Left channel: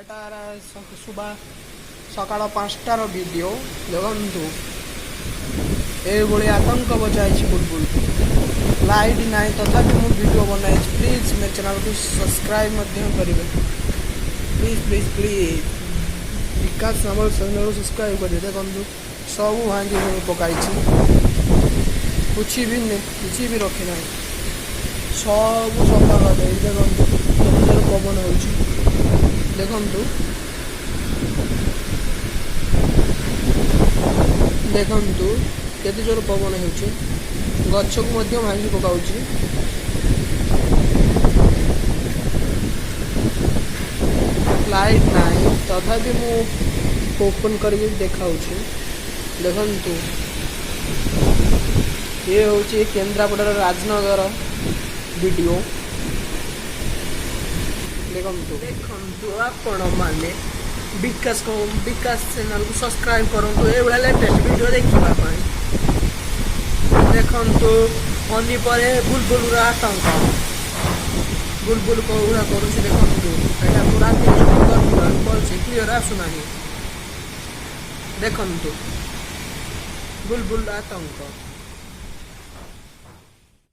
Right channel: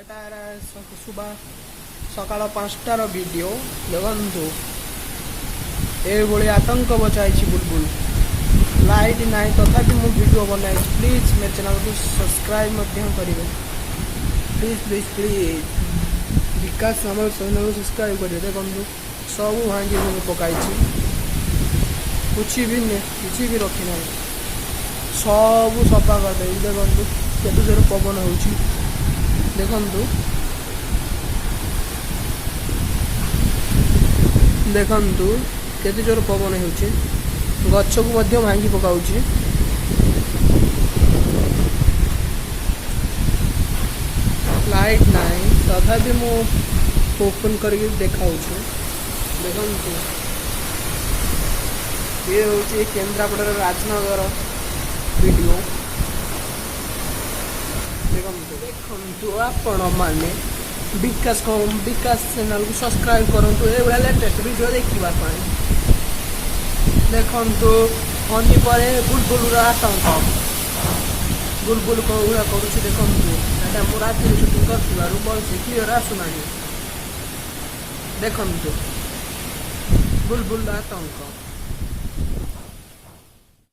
ଏଟାର ସକାଳ 5ଟାର ଭିଡ଼ିଓ ଦେଖନ୍ତୁ। ଏଇଭଳି ଆତଙ୍କ ବଚାଇଛି ବୁଲବୁଲ। ଲାଇଟ୍ ନାହିଁ ତଥାପି ମୁଁ ଭିଡ଼ିଓ ବନାଇଛି। ପ୍ଲିଜ୍ ମୋ ଚ୍ୟାନେଲକୁ ସବସ୍କ୍ରାଇବ୍ ମଧ୍ୟ କରିବେ। ପ୍ଲିଜ୍ ବିକାଶ ଆମର ଚ୍ୟାନେଲକୁ ସବସ୍କ୍ରାଇବ୍ କରିବେ। ଦେଖନ୍ତୁ ସବୁ ଭାଙ୍ଗି ଭୁଙ୍ଗି ପକାଇଛି, କିଛି ବି ରଖିନାହିଁ, ସବୁ ସଫା କରିଦେଇଛି। ଦେଖନ୍ତୁ କେତେ ଜୋର ପବନ ହେଉଛି, ଦେଖନ୍ତୁ କେତେ ଜୋର ପବନ ହେଉଛି, ଗଛକୁ ମଧ୍ୟ ଭାଙ୍ଗି ପକାଉଛି। ଲାଇଟ୍ ନାହିଁ ତଥାପି ମୁଁ ଓପନ୍ କରିକି ଦେଖାଉଛି। ଦେଖନ୍ତୁ ଇଏ ହେଉଛି କେନ୍ଦ୍ରାପଡ଼ାର ରାଜନଗର ଭିଡ଼ିଓ। ଦେଖନ୍ତୁ ଆପଣମାନେ ବିକାଶ ଚ୍ୟାନେଲକୁ ସବସ୍କ୍ରାଇବ୍ କରନ୍ତୁ ଏଇଭଳିଆ ଲେଟେଷ୍ଟ ଭିଡ଼ିଓ ଦେଖିବା ପାଇଁ। ଦେଖନ୍ତୁ ଫନି ପରେ ବୁଲବୁଲର ଆତଙ୍କ। ବୁଲବୁଲ କୋଉଭଳିଆ କରୁଛି ଦେଖନ୍ତୁ। ଏଇଟା ମୁଁ ରାତିରେ ସୁଟିଂ କରିଥିବାରୁ ଭଲସେ କ୍ଲିୟର ଆସୁନାହିଁ। ଦେଖନ୍ତୁ ବୁଲବୁଲ ଆତଙ୍କ।